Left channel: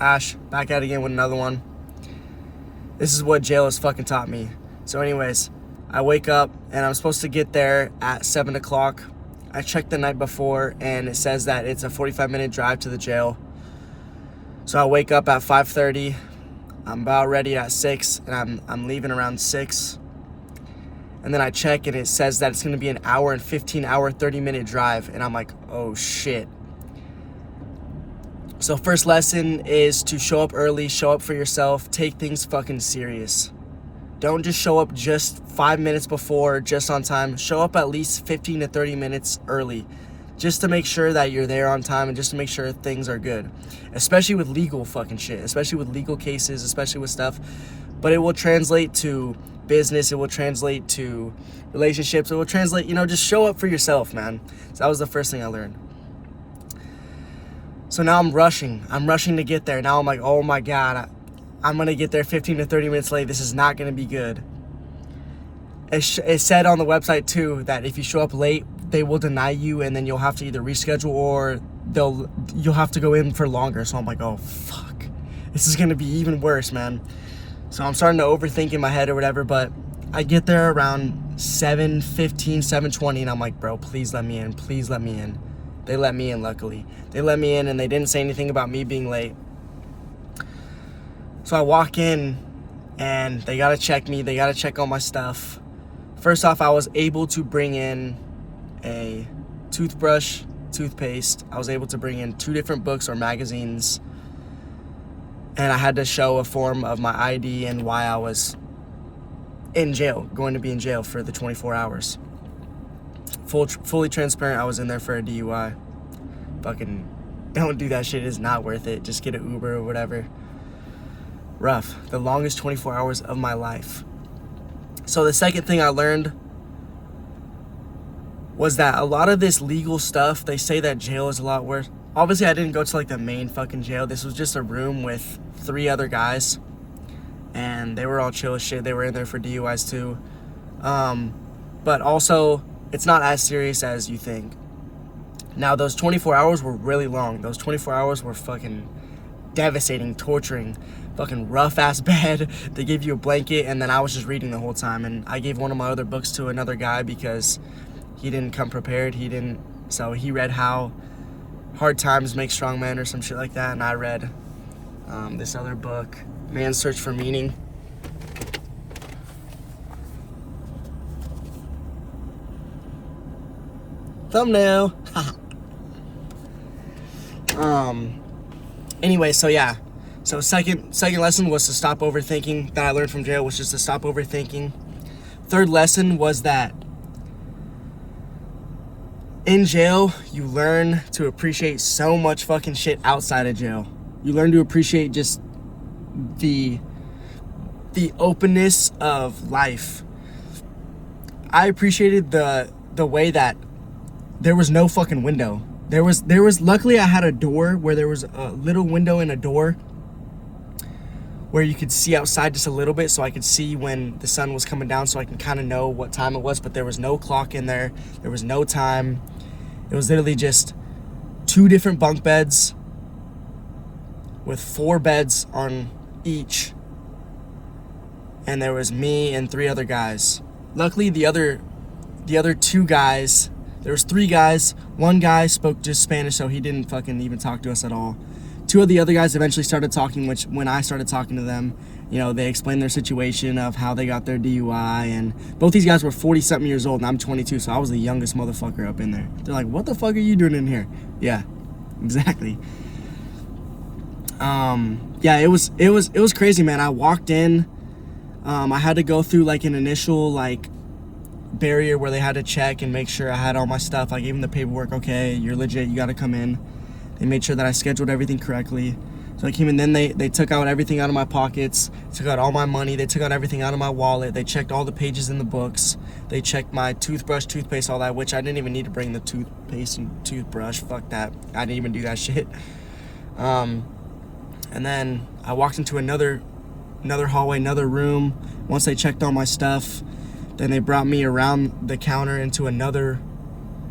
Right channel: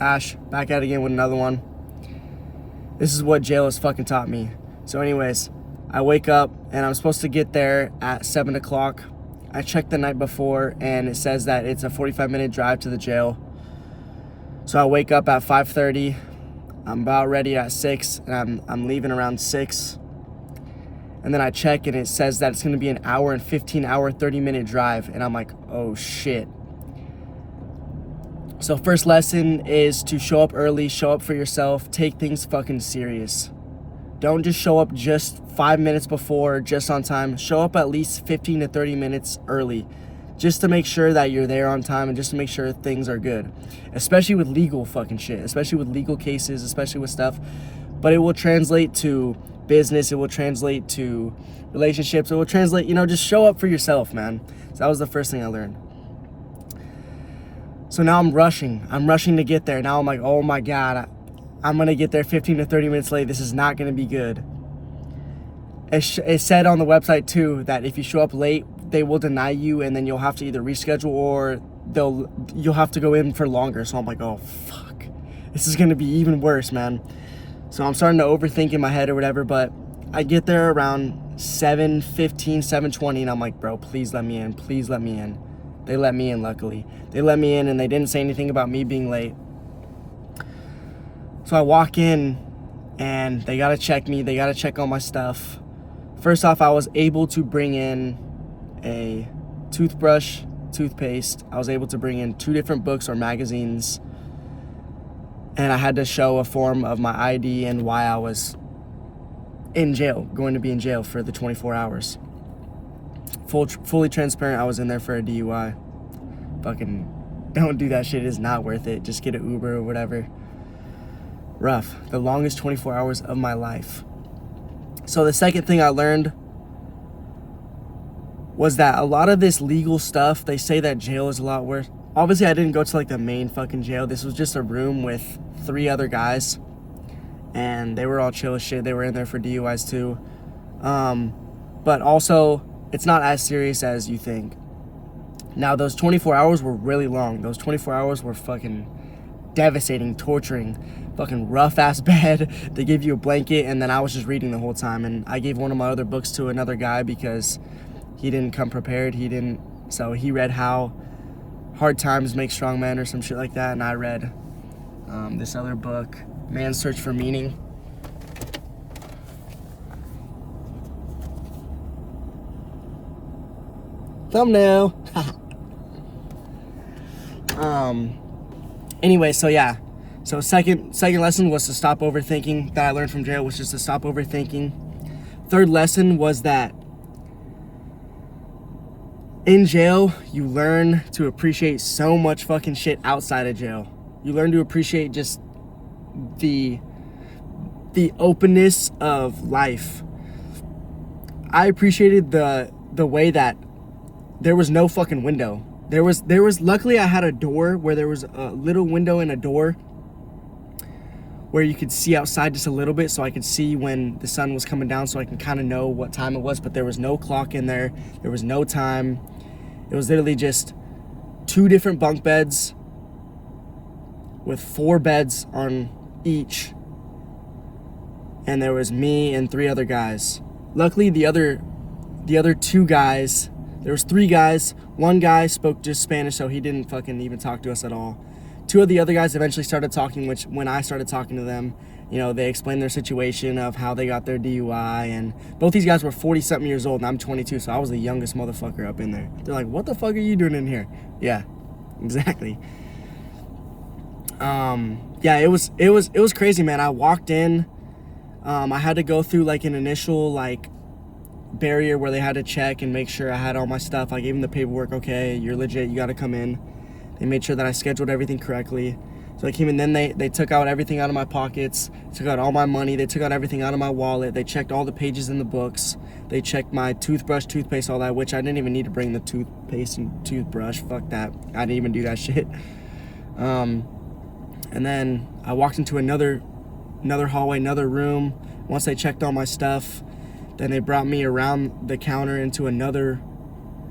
Ash, back at it again with another one. This is what jail has fucking taught me. So anyways, I wake up and I'm supposed to get there at 7 o'clock. I checked the night before and it says that it's a 45-minute drive to the jail. So I wake up at 5:30. I'm about ready at 6 and I'm leaving around 6. And then I check and it says that it's gonna be an hour and 15-hour, 30-minute drive. And I'm like, oh shit. So first lesson is to show up early, show up for yourself, take things fucking serious. Don't just show up just 5 minutes before, just on time. Show up at least 15 to 30 minutes early, just to make sure that you're there on time and just to make sure things are good. Especially with legal fucking shit, especially with legal cases, especially with stuff. But it will translate to business, it will translate to relationships, it will translate, just show up for yourself, man. So that was the first thing I learned. So now I'm rushing to get there. Now I'm like, oh my God, I'm gonna get there 15 to 30 minutes late. This is not gonna be good. It said on the website too that if you show up late, they will deny you and then you'll have to either reschedule or you'll have to go in for longer. So I'm like, oh fuck, this is gonna be even worse, man. So I'm starting to overthink in my head or whatever, but I get there around 7:15, 7:20, and I'm like, bro, please let me in, please let me in. They let me in, luckily. They let me in and they didn't say anything about me being late. So I walk in and they gotta check me, they gotta check all my stuff. First off, I was able to bring in a toothbrush, toothpaste. I was able to bring in 2 different books or magazines. And I had to show a form of my ID and why I was in jail, going to be in jail for the 24 hours. Fully transparent, I was in there for a DUI. Fucking don't do that shit, it's not worth it. Just get an Uber or whatever. Rough. The longest 24 hours of my life. So the second thing I learned was that a lot of this legal stuff, they say that jail is a lot worse. Obviously, I didn't go to like the main fucking jail. This was just a room with 3 other guys. And they were all chill as shit. They were in there for DUIs too. But also, it's not as serious as you think. Now, those 24 hours were really long. Those 24 hours were fucking devastating, torturing. Fucking rough ass bed. They gave you a blanket and then I was just reading the whole time. And I gave one of my other books to another guy because he didn't come prepared. So he read How Hard Times Make Strong Men or some shit like that. And I read this other book, Man's Search for Meaning. Thumbnail. Anyway, so yeah. So second lesson was to stop overthinking, that I learned from jail, was just to stop overthinking. Third lesson was that in jail, you learn to appreciate so much fucking shit outside of jail. You learn to appreciate just the openness of life. I appreciated the way that there was no fucking window. There was luckily I had a door where there was a little window in a door where you could see outside just a little bit, so I could see when the sun was coming down, so I can kind of know what time it was. But there was no clock in there. There was no time. It was literally just 2 different bunk beds with 4 beds on each. And there was me and 3 other guys. Luckily, the other 2 guys, there was 3 guys. 1 guy spoke just Spanish, so he didn't fucking even talk to us at all. 2 of the other guys eventually started talking, which when I started talking to them, they explained their situation of how they got their DUI, and both these guys were 40-something years old, and I'm 22, so I was the youngest motherfucker up in there. They're like, what the fuck are you doing in here? Yeah, exactly. Yeah, it was crazy, man. I walked in, I had to go through like an initial barrier where they had to check and make sure I had all my stuff. I gave them the paperwork. Okay, you're legit, you gotta come in. They made sure that I scheduled everything correctly. So I came in, then they took out everything out of my pockets, took out all my money, they took out everything out of my wallet, they checked all the pages in the books, they checked my toothbrush, toothpaste, all that, which I didn't even need to bring the toothpaste and toothbrush, fuck that, I didn't even do that shit. And then I walked into another hallway, another room. Once they checked all my stuff, then they brought me around the counter into another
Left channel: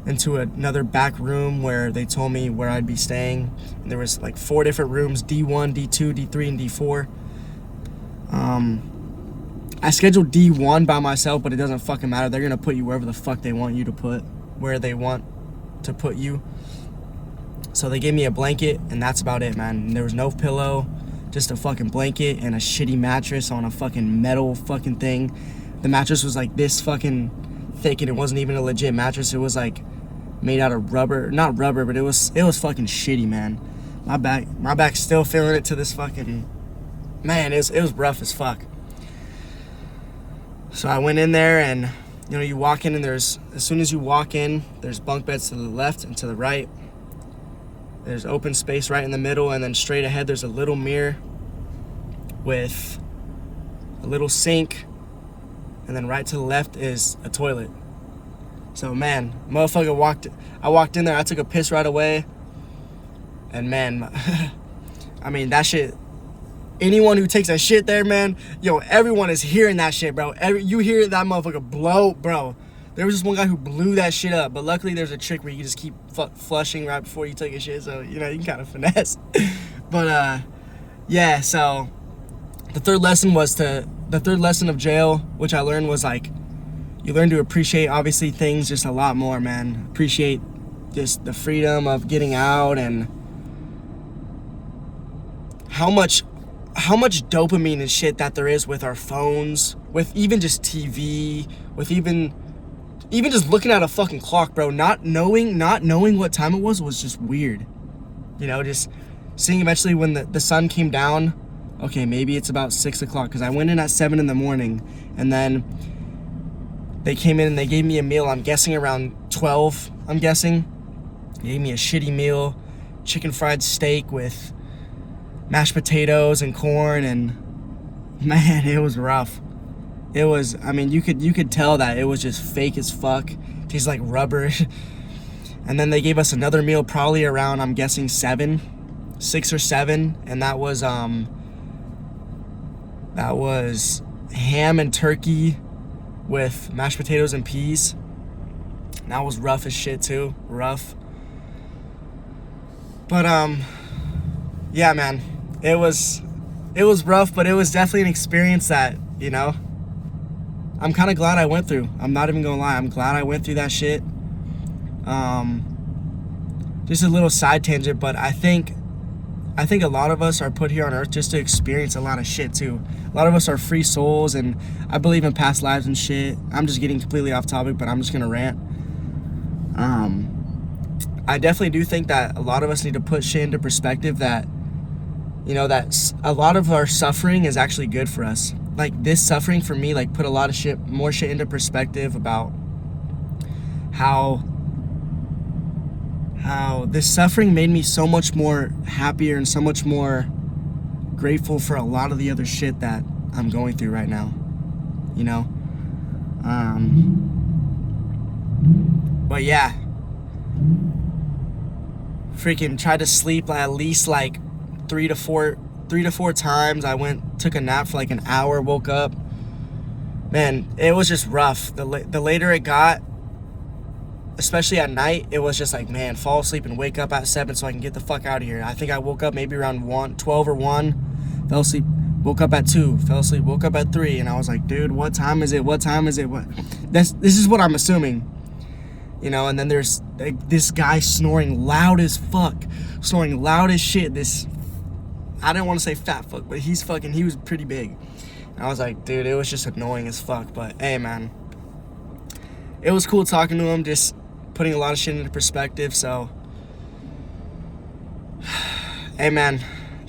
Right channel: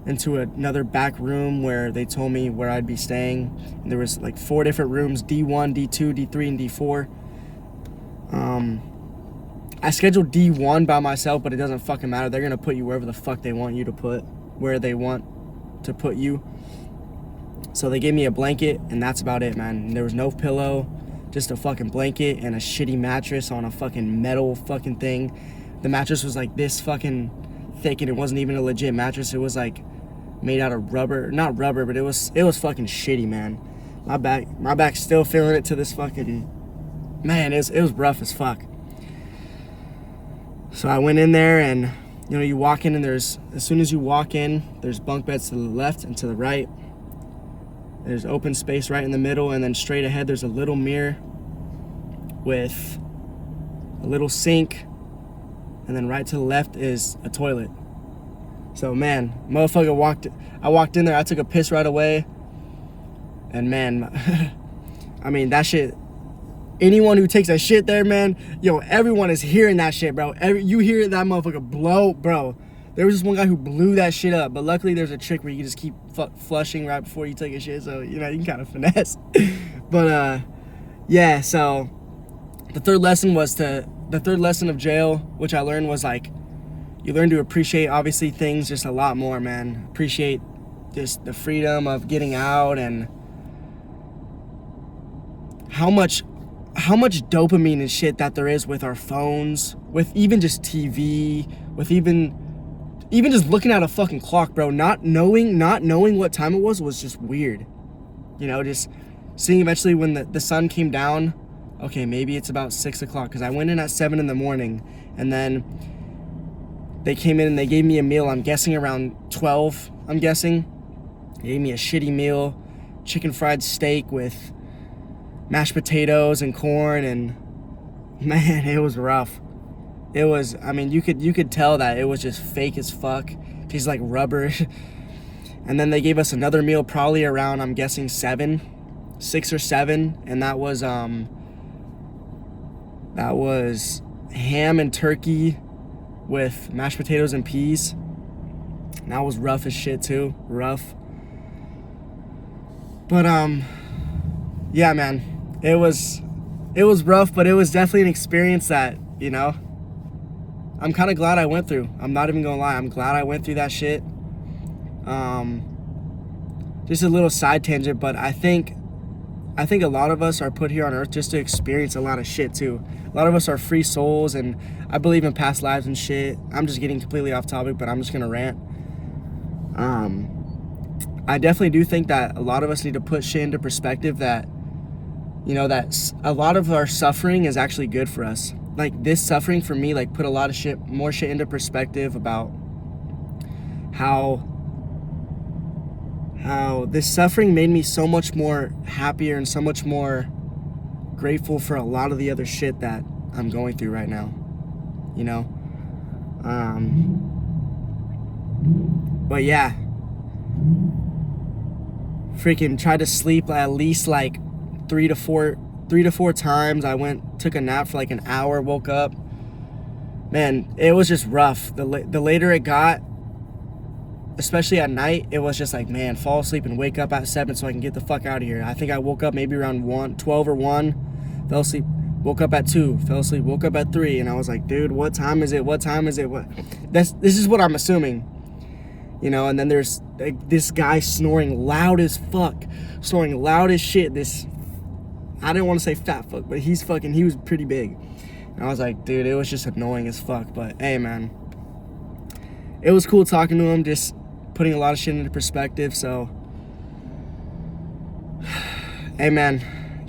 into another back room where they told me where I'd be staying. And there was like 4 different rooms, D1, D2, D3, and D4. I scheduled D1 by myself, but it doesn't fucking matter. They're gonna put you wherever the fuck they want you to put, where they want to put you. So they gave me a blanket, and that's about it, man. There was no pillow, just a fucking blanket and a shitty mattress on a fucking metal fucking thing. The mattress was like this fucking thick, and it wasn't even a legit mattress. It was like made out of rubber, not rubber, but it was fucking shitty, man. My back's still feeling it to this fucking, man, it was rough as fuck. So I went in there, and you know, you walk in, and as soon as you walk in, there's bunk beds to the left and to the right. There's open space right in the middle, and then straight ahead there's a little mirror with a little sink, and then right to the left is a toilet. So man, motherfucker I walked in there, I took a piss right away, and man, I mean, that shit, anyone who takes a shit there, man, yo, everyone is hearing that shit, bro. You hear that motherfucker blow, bro. There was this one guy who blew that shit up, but luckily there's a trick where you can just keep flushing right before you take a shit, so, you know, you can kind of finesse. But, yeah, so the third lesson of jail, which I learned, was like, you learn to appreciate, obviously, things just a lot more, man. Appreciate just the freedom of getting out, and how much dopamine and shit that there is with our phones, with even just TV, with even just looking at a fucking clock, bro. Not knowing what time it was just weird. You know, just seeing eventually when the sun came down, okay, maybe it's about 6 o'clock, because I went in at 7 in the morning, and then they came in and they gave me a meal, I'm guessing around 12, I'm guessing. They gave me a shitty meal, chicken fried steak with mashed potatoes and corn, and man, it was rough. It was, I mean, you could tell that it was just fake as fuck. Tastes like rubber. And then they gave us another meal probably around, I'm guessing 6 or 7, and that was ham and turkey with mashed potatoes and peas. And that was rough as shit too. Rough. But yeah, man. It was rough, but it was definitely an experience that, you know, I'm kind of glad I went through. I'm not even gonna lie. I'm glad I went through that shit. Just a little side tangent, but I think a lot of us are put here on earth just to experience a lot of shit too. A lot of us are free souls, and I believe in past lives and shit. I'm just getting completely off topic, but I'm just gonna rant. I definitely do think that a lot of us need to put shit into perspective, that, you know, that a lot of our suffering is actually good for us. Like, this suffering for me, like, put a lot of more shit into perspective about how this suffering made me so much more happier and so much more grateful for a lot of the other shit that I'm going through right now, you know? But yeah, freaking tried to sleep at least like 3 to 4 times. I took a nap for like an hour, woke up. Man, it was just rough. The later it got, especially at night, it was just like, man, fall asleep and wake up at 7 so I can get the fuck out of here. I think I woke up maybe around 12 or 1, fell asleep, woke up at 2, fell asleep, woke up at 3, and I was like, dude, what time is it? This is what I'm assuming. You know, and then there's like this guy snoring loud as fuck, snoring loud as shit. This, I didn't want to say fat fuck, but he was pretty big. And I was like, dude, it was just annoying as fuck. But hey, man, it was cool talking to him, just putting a lot of shit into perspective. So, hey, man,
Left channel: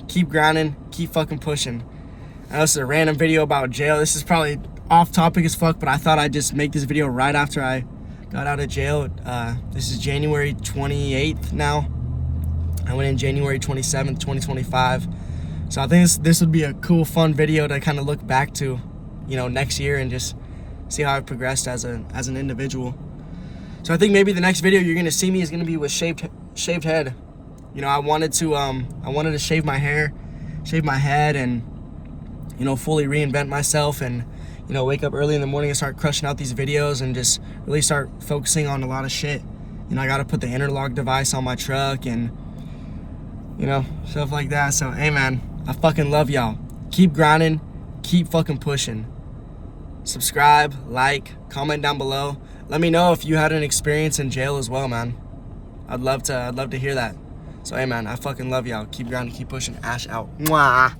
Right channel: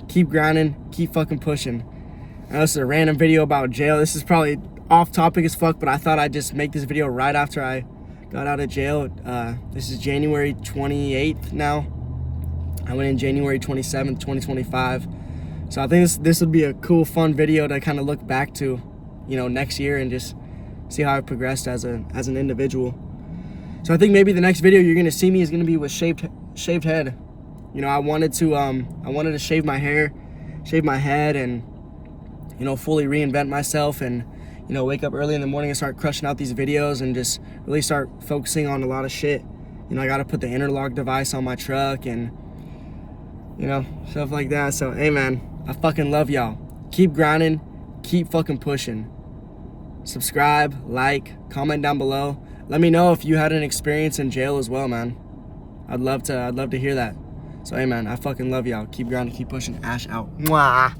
keep grinding, keep fucking pushing. I know this is a random video about jail. This is probably off topic as fuck, but I thought I'd just make this video right after I got out of jail. This is January 28th now. I went in January 27th, 2025. So I think this would be a cool, fun video to kind of look back to, you know, next year, and just see how I progressed as an individual. So I think maybe the next video you're gonna see me is gonna be with shaved head. You know, I wanted to shave my hair, shave my head, and, you know, fully reinvent myself, and, you know, wake up early in the morning and start crushing out these videos, and just really start focusing on a lot of shit You know, I gotta put the interlock device on my truck and, you know, stuff like that. So, hey, man, I fucking love y'all. Keep grinding. Keep fucking pushing. Subscribe, like, comment down below. Let me know if you had an experience in jail as well, man. I'd love to hear that. So, hey, man, I fucking love y'all. Keep grinding, keep pushing. Ash out. Mwah.